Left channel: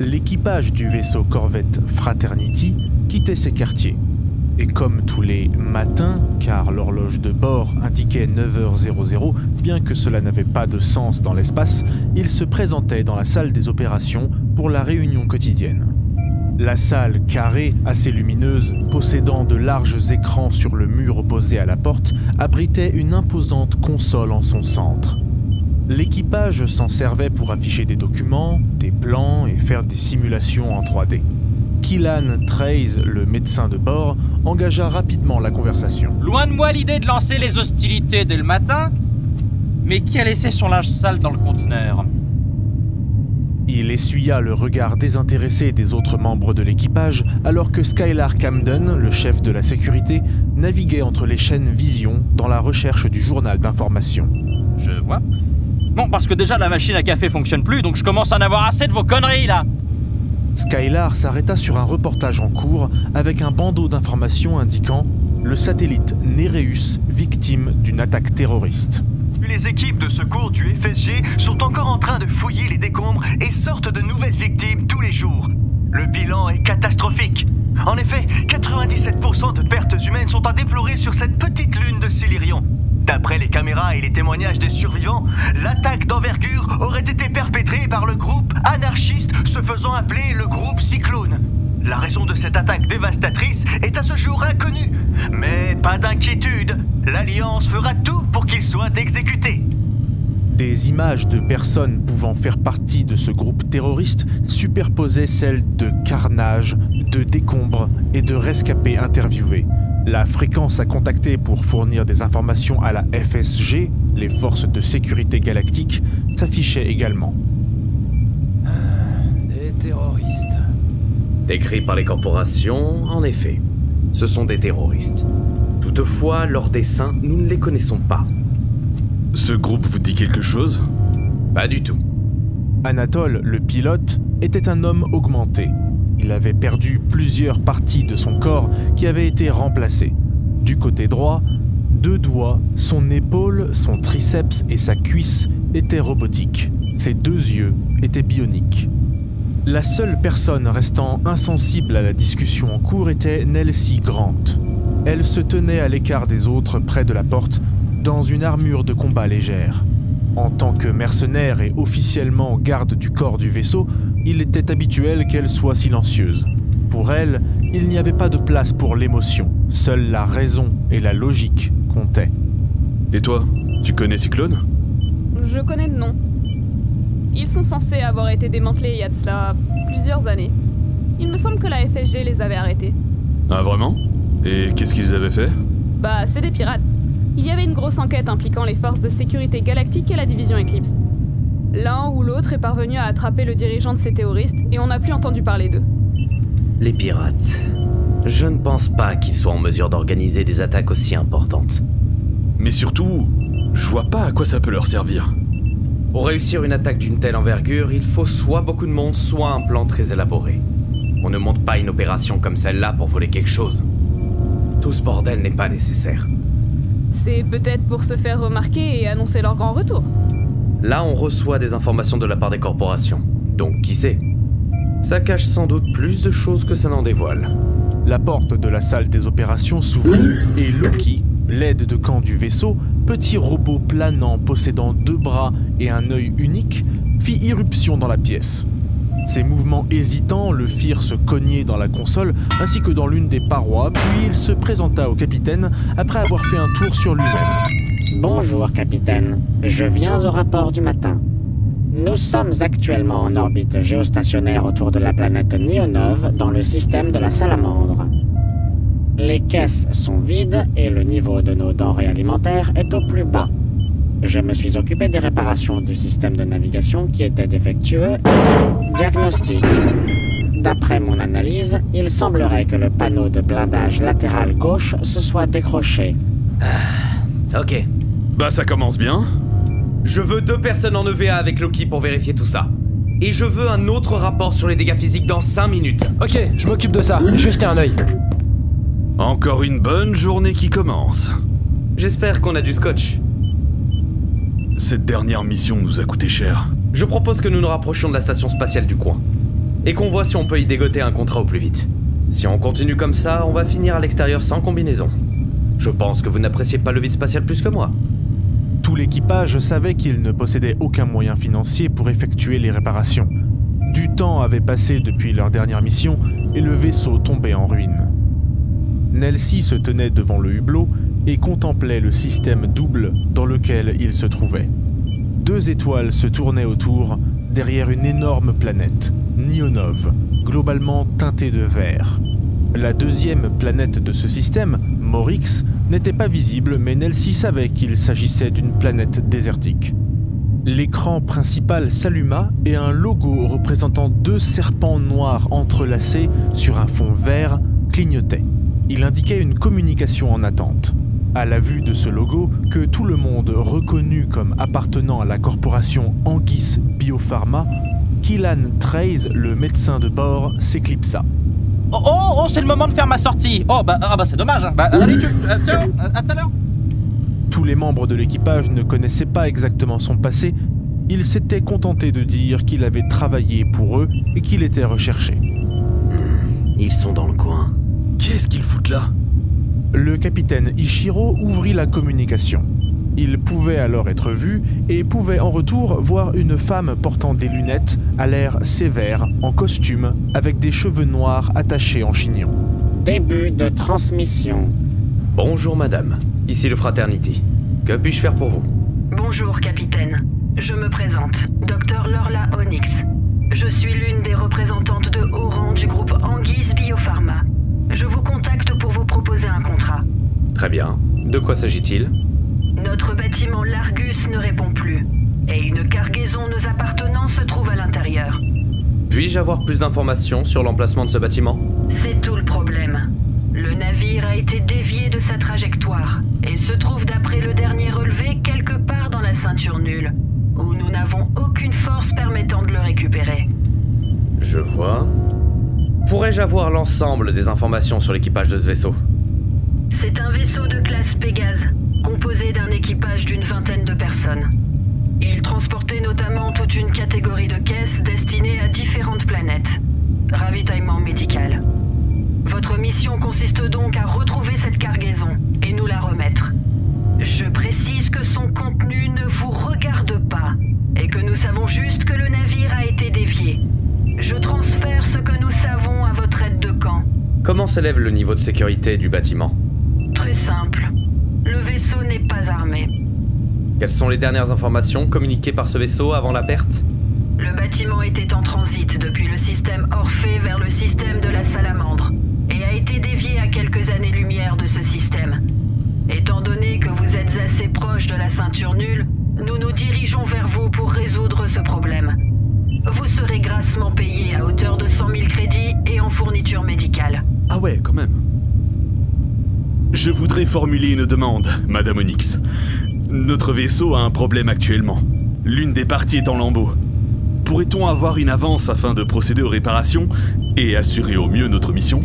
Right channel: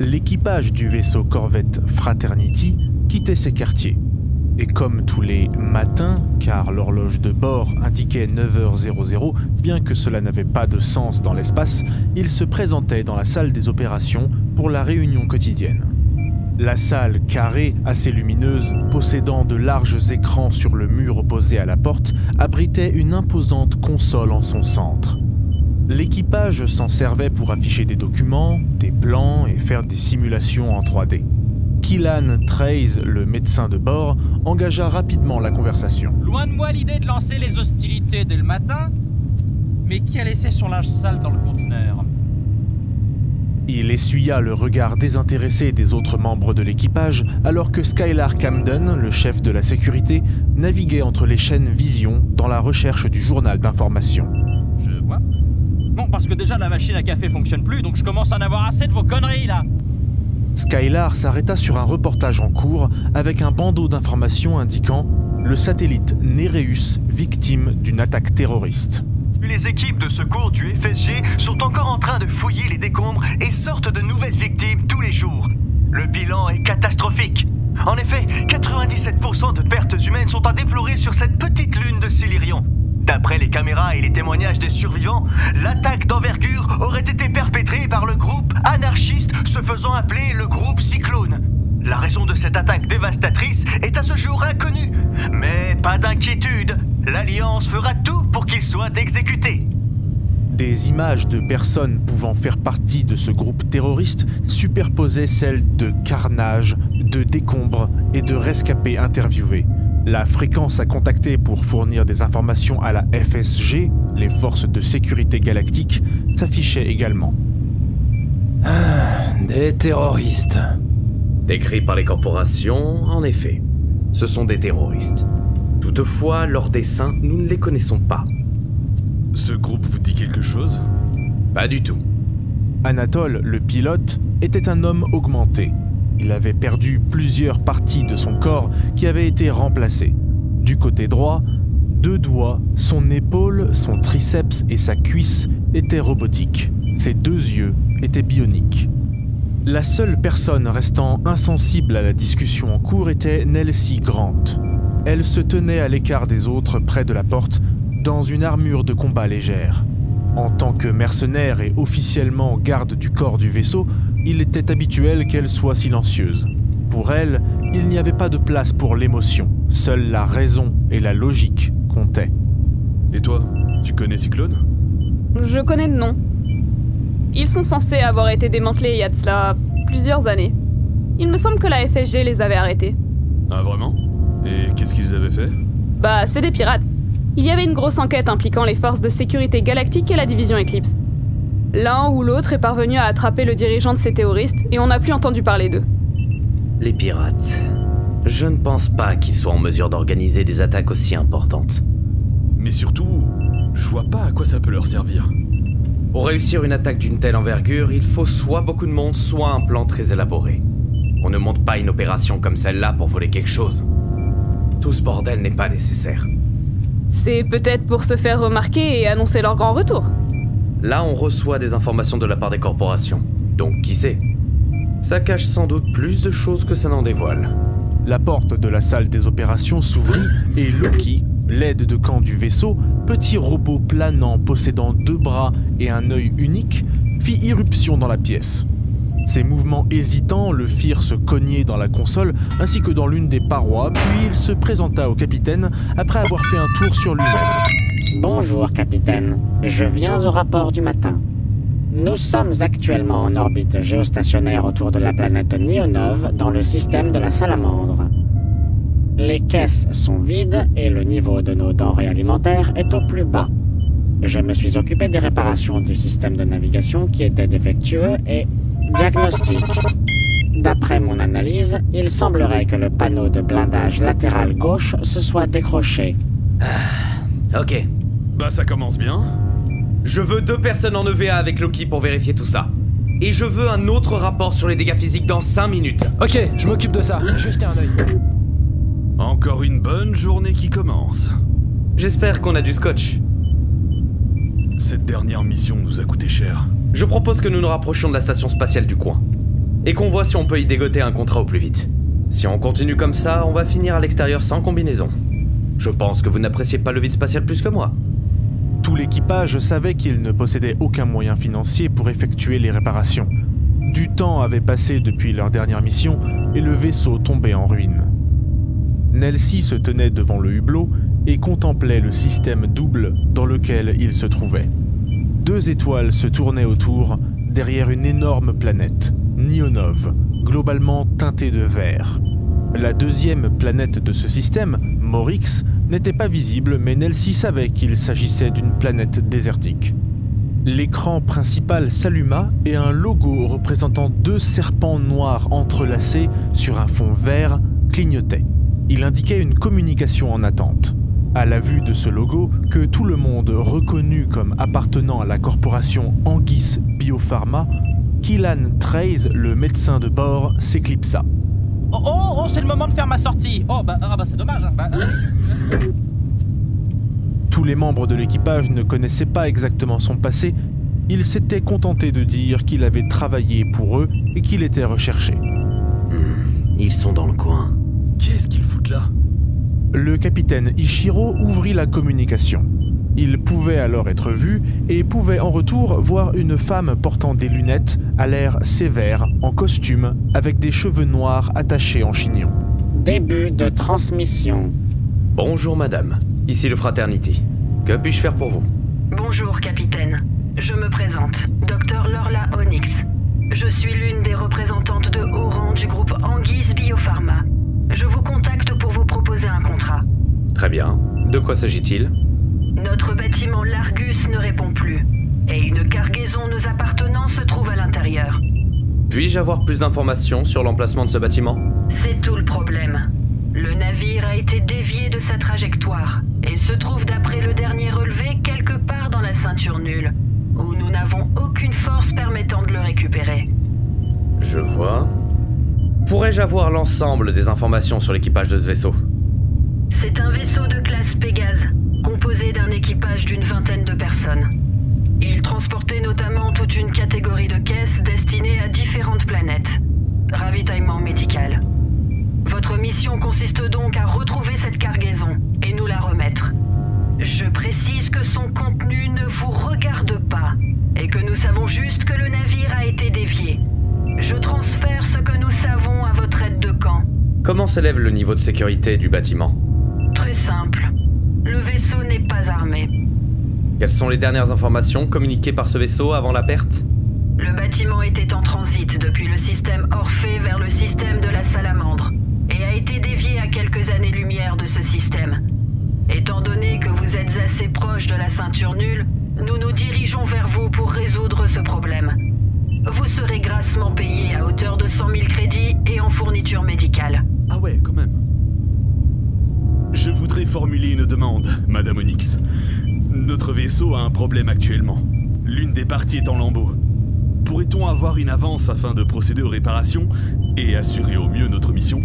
L'équipage du vaisseau corvette Fraternity quittait ses quartiers. Et comme tous les matins, car l'horloge de bord indiquait 9h00, bien que cela n'avait pas de sens dans l'espace, il se présentait dans la salle des opérations pour la réunion quotidienne. La salle carrée, assez lumineuse, possédant de larges écrans sur le mur opposé à la porte, abritait une imposante console en son centre. L'équipage s'en servait pour afficher des documents, des plans et faire des simulations en 3D. Killan Trace, le médecin de bord, engagea rapidement la conversation. Loin de moi l'idée de lancer les hostilités dès le matin, mais qui a laissé son linge sale dans le conteneur? Il essuya le regard désintéressé des autres membres de l'équipage alors que Skylar Camden, le chef de la sécurité, naviguait entre les chaînes Vision dans la recherche du journal d'information. Je vois. Bon, parce que déjà la machine à café fonctionne plus, donc je commence à en avoir assez de vos conneries là. Skylar s'arrêta sur un reportage en cours avec un bandeau d'informations indiquant « Le satellite Nereus, victime d'une attaque terroriste ». Les équipes de secours du FSG sont encore en train de fouiller les décombres et sortent de nouvelles victimes tous les jours. Le bilan est catastrophique. En effet, 97% de pertes humaines sont à déplorer sur cette petite lune de Silurion. D'après les caméras et les témoignages des survivants, l'attaque d'envergure aurait été perpétrée par le groupe anarchiste se faisant appeler le groupe Cyclone. La raison de cette attaque dévastatrice est à ce jour inconnue. Mais pas d'inquiétude, l'Alliance fera tout pour qu'il soit exécuté. Des images de personnes pouvant faire partie de ce groupe terroriste superposaient celles de carnage, de décombres et de rescapés interviewés. La fréquence à contacter pour fournir des informations à la FSG, les forces de sécurité galactique, s'affichait également. Des terroristes. Décrits par les corporations, en effet, ce sont des terroristes. Toutefois, leurs dessins, nous ne les connaissons pas. Ce groupe vous dit quelque chose? Pas du tout. Anatole, le pilote, était un homme augmenté. Il avait perdu plusieurs parties de son corps qui avaient été remplacées. Du côté droit, 2 doigts, son épaule, son triceps et sa cuisse étaient robotiques. Ses 2 yeux étaient bioniques. La seule personne restant insensible à la discussion en cours était Nelsie Grant. Elle se tenait à l'écart des autres près de la porte, dans une armure de combat légère. En tant que mercenaire et officiellement garde du corps du vaisseau, il était habituel qu'elle soit silencieuse. Pour elle, il n'y avait pas de place pour l'émotion, seule la raison et la logique comptaient. Et toi, tu connais Cyclone? Je connais de nom. Ils sont censés avoir été démantelés il y a de cela plusieurs années. Il me semble que la FSG les avait arrêtés. Ah vraiment? Et qu'est-ce qu'ils avaient fait? Bah, c'est des pirates. Il y avait une grosse enquête impliquant les forces de sécurité galactique et la division Eclipse. L'un ou l'autre est parvenu à attraper le dirigeant de ces terroristes et on n'a plus entendu parler d'eux. Les pirates. Je ne pense pas qu'ils soient en mesure d'organiser des attaques aussi importantes. Mais surtout, je vois pas à quoi ça peut leur servir. Pour réussir une attaque d'une telle envergure, il faut soit beaucoup de monde, soit un plan très élaboré. On ne monte pas une opération comme celle-là pour voler quelque chose. Tout ce bordel n'est pas nécessaire. C'est peut-être pour se faire remarquer et annoncer leur grand retour. Là, on reçoit des informations de la part des corporations. Donc, qui sait? Ça cache sans doute plus de choses que ça n'en dévoile. La porte de la salle des opérations s'ouvrit et Loki, l'aide de camp du vaisseau, petit robot planant possédant 2 bras et un œil unique, fit irruption dans la pièce. Ses mouvements hésitants le firent se cogner dans la console ainsi que dans l'une des parois, puis il se présenta au capitaine après avoir fait un tour sur lui-même. Bonjour, capitaine. Je viens au rapport du matin. Nous sommes actuellement en orbite géostationnaire autour de la planète Nionov dans le système de la Salamandre. Les caisses sont vides et le niveau de nos denrées alimentaires est au plus bas. Je me suis occupé des réparations du système de navigation qui était défectueux et... Diagnostic. D'après mon analyse, il semblerait que le panneau de blindage latéral gauche se soit décroché. Ok. Bah ça commence bien. Je veux 2 personnes en EVA avec Loki pour vérifier tout ça. Et je veux un autre rapport sur les dégâts physiques dans 5 minutes. Ok, je m'occupe de ça. Je vais jeter un œil. Encore une bonne journée qui commence. J'espère qu'on a du scotch. Cette dernière mission nous a coûté cher. Je propose que nous nous rapprochions de la station spatiale du coin. Et qu'on voit si on peut y dégoter un contrat au plus vite. Si on continue comme ça, on va finir à l'extérieur sans combinaison. Je pense que vous n'appréciez pas le vide spatial plus que moi. Tout l'équipage savait qu'il ne possédait aucun moyen financier pour effectuer les réparations. Du temps avait passé depuis leur dernière mission et le vaisseau tombait en ruine. Nelsie se tenait devant le hublot et contemplait le système double dans lequel il se trouvait. 2 étoiles se tournaient autour, derrière une énorme planète, Nionov, globalement teintée de vert. La deuxième planète de ce système, Morix, n'était pas visible, mais Nelsie savait qu'il s'agissait d'une planète désertique. L'écran principal s'alluma et un logo représentant 2 serpents noirs entrelacés sur un fond vert clignotait. Il indiquait une communication en attente. À la vue de ce logo, que tout le monde reconnut comme appartenant à la corporation Anguis Biopharma, Killan Trace, le médecin de bord, s'éclipsa. Oh, c'est le moment de faire ma sortie. Oh, c'est dommage. Hein. Allez, tiens, à tout à l'heure. Tous les membres de l'équipage ne connaissaient pas exactement son passé. Ils s'étaient contentés de dire qu'il avait travaillé pour eux et qu'il était recherché. Ils sont dans le coin. Qu'est-ce qu'ils foutent là? Le capitaine Ichiro ouvrit la communication. Il pouvait alors être vu et pouvait en retour voir une femme portant des lunettes, à l'air sévère, en costume, avec des cheveux noirs attachés en chignon. Début de transmission. Bonjour madame, ici le Fraternity. Que puis-je faire pour vous? Bonjour capitaine, je me présente, Dr Lorla Onyx. Je suis l'une des représentantes de haut rang du groupe Anguis Biopharma. Je vous contacte pour vous proposer un contrat. Très bien, de quoi s'agit-il? Notre bâtiment Largus ne répond plus, et une cargaison nous appartenant se trouve à l'intérieur. Puis-je avoir plus d'informations sur l'emplacement de ce bâtiment? C'est tout le problème. Le navire a été dévié de sa trajectoire, et se trouve d'après le dernier relevé quelque part dans la ceinture nulle, où nous n'avons aucune force permettant de le récupérer. Je vois. Pourrais-je avoir l'ensemble des informations sur l'équipage de ce vaisseau? C'est un vaisseau de classe Pégase, composé d'un équipage d'une vingtaine de personnes. Il transportait notamment toute une catégorie de caisses destinées à différentes planètes. Ravitaillement médical. Votre mission consiste donc à retrouver cette cargaison et nous la remettre. Je précise que son contenu ne vous regarde pas et que nous savons juste que le navire a été dévié. Je transfère ce que nous savons à votre aide de camp. Comment s'élève le niveau de sécurité du bâtiment? Très simple. Le vaisseau n'est pas armé. Quelles sont les dernières informations communiquées par ce vaisseau avant la perte? Le bâtiment était en transit depuis le système Orphée vers le système de la Salamandre et a été dévié à quelques années-lumière de ce système. Étant donné que vous êtes assez proche de la ceinture nulle, nous nous dirigeons vers vous pour résoudre ce problème. Vous serez grassement payé à hauteur de 100 000 crédits et en fourniture médicale. Ah ouais, quand même. Je voudrais formuler une demande, Madame Onyx. Notre vaisseau a un problème actuellement. L'une des parties est en lambeaux. Pourrait-on avoir une avance afin de procéder aux réparations et assurer au mieux notre mission?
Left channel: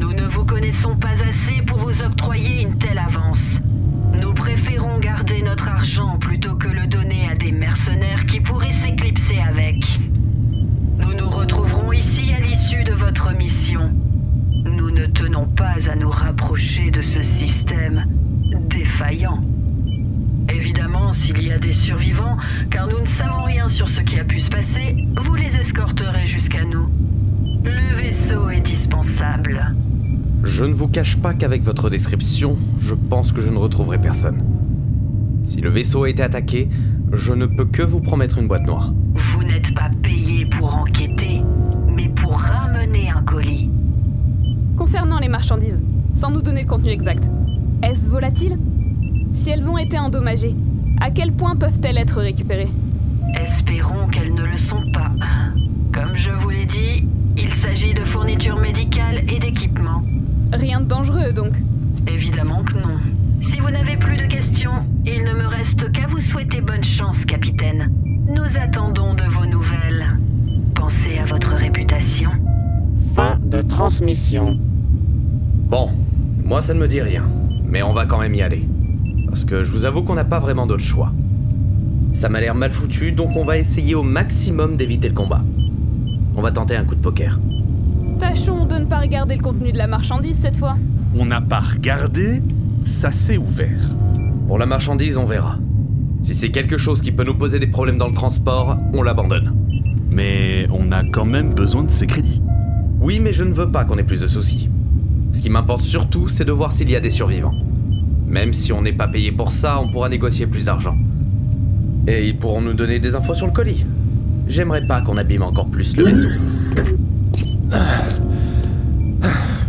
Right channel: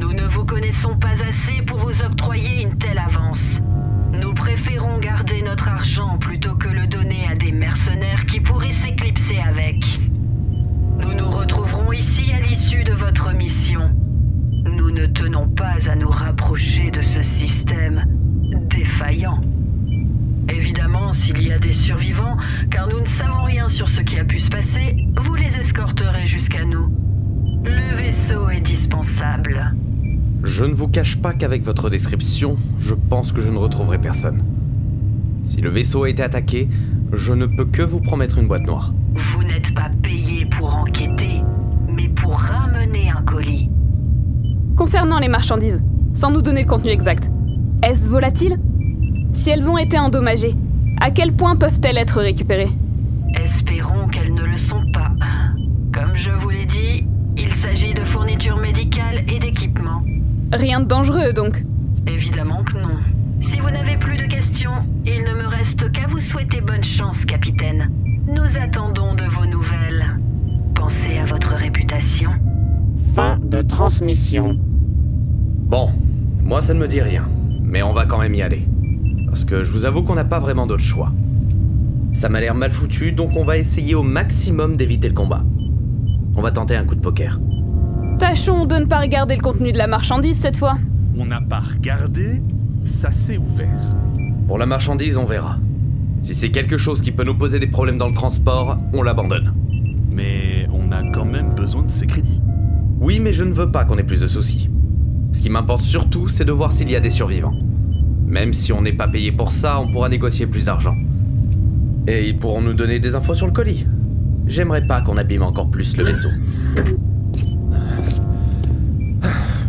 Nous ne vous connaissons pas assez pour vous octroyer une telle avance. Nous préférons garder notre argent plutôt que le donner à des mercenaires qui pourraient s'éclipser avec. Nous nous retrouverons ici à l'issue de votre mission. Nous ne tenons pas à nous rapprocher de ce système défaillant. Évidemment, s'il y a des survivants, car nous ne savons rien sur ce qui a pu se passer, vous les escorterez jusqu'à nous. Le vaisseau est dispensable. Je ne vous cache pas qu'avec votre description, je pense que je ne retrouverai personne. Si le vaisseau a été attaqué, je ne peux que vous promettre une boîte noire. Vous n'êtes pas payé pour enquêter, mais pour ramener un colis. Concernant les marchandises, sans nous donner le contenu exact, est-ce volatile? Si elles ont été endommagées, à quel point peuvent-elles être récupérées? Espérons qu'elles ne le sont pas. Comme je vous l'ai dit, il s'agit de fournitures médicales et d'équipements. Rien de dangereux, donc? Évidemment que non. Si vous n'avez plus de questions, il ne me reste qu'à vous souhaiter bonne chance, capitaine. Nous attendons de vos nouvelles. Pensez à votre réputation. Fin de transmission. Bon, moi ça ne me dit rien, mais on va quand même y aller. Parce que je vous avoue qu'on n'a pas vraiment d'autre choix. Ça m'a l'air mal foutu, donc on va essayer au maximum d'éviter le combat. On va tenter un coup de poker. Tâchons de ne pas regarder le contenu de la marchandise cette fois. On n'a pas regardé, ça s'est ouvert. Pour la marchandise, on verra. Si c'est quelque chose qui peut nous poser des problèmes dans le transport, on l'abandonne. Mais on a quand même besoin de ces crédits. Oui, mais je ne veux pas qu'on ait plus de soucis. Ce qui m'importe surtout, c'est de voir s'il y a des survivants. Même si on n'est pas payé pour ça, on pourra négocier plus d'argent. Et ils pourront nous donner des infos sur le colis. J'aimerais pas qu'on abîme encore plus le vaisseau.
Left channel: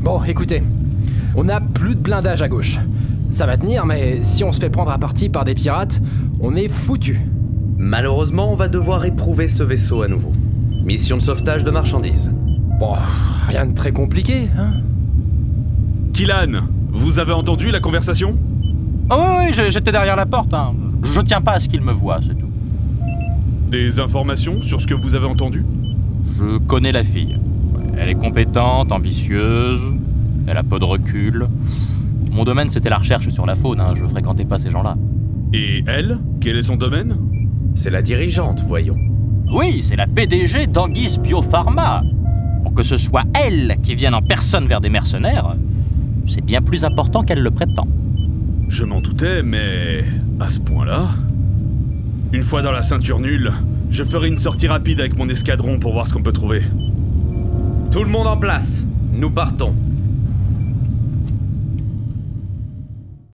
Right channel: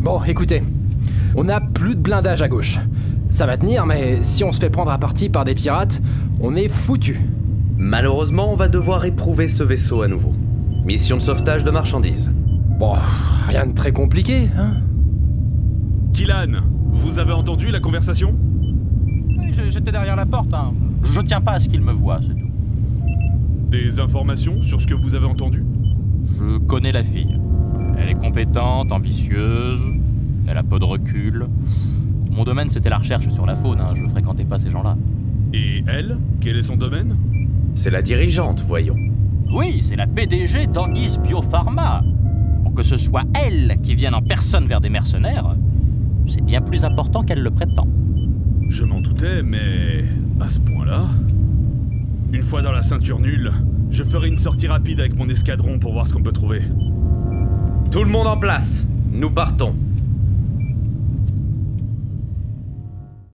Bon, écoutez. On a plus de blindage à gauche. Ça va tenir, mais si on se fait prendre à partie par des pirates, on est foutu. Malheureusement, on va devoir éprouver ce vaisseau à nouveau. Mission de sauvetage de marchandises. Bon, rien de très compliqué, hein? Killan, vous avez entendu la conversation? Oh oui, j'étais derrière la porte. Hein. Je tiens pas à ce qu'il me voie, c'est tout. Des informations sur ce que vous avez entendu? Je connais la fille. Elle est compétente, ambitieuse, elle a peu de recul. Mon domaine, c'était la recherche sur la faune, hein. Je fréquentais pas ces gens-là. Et elle? Quel est son domaine? C'est la dirigeante, voyons. Oui, c'est la PDG d'Anguis Biopharma. Pour que ce soit elle qui vienne en personne vers des mercenaires, c'est bien plus important qu'elle le prétend. Je m'en doutais, mais... à ce point-là... Une fois dans la ceinture nulle, je ferai une sortie rapide avec mon escadron pour voir ce qu'on peut trouver. Tout le monde en place. Nous partons.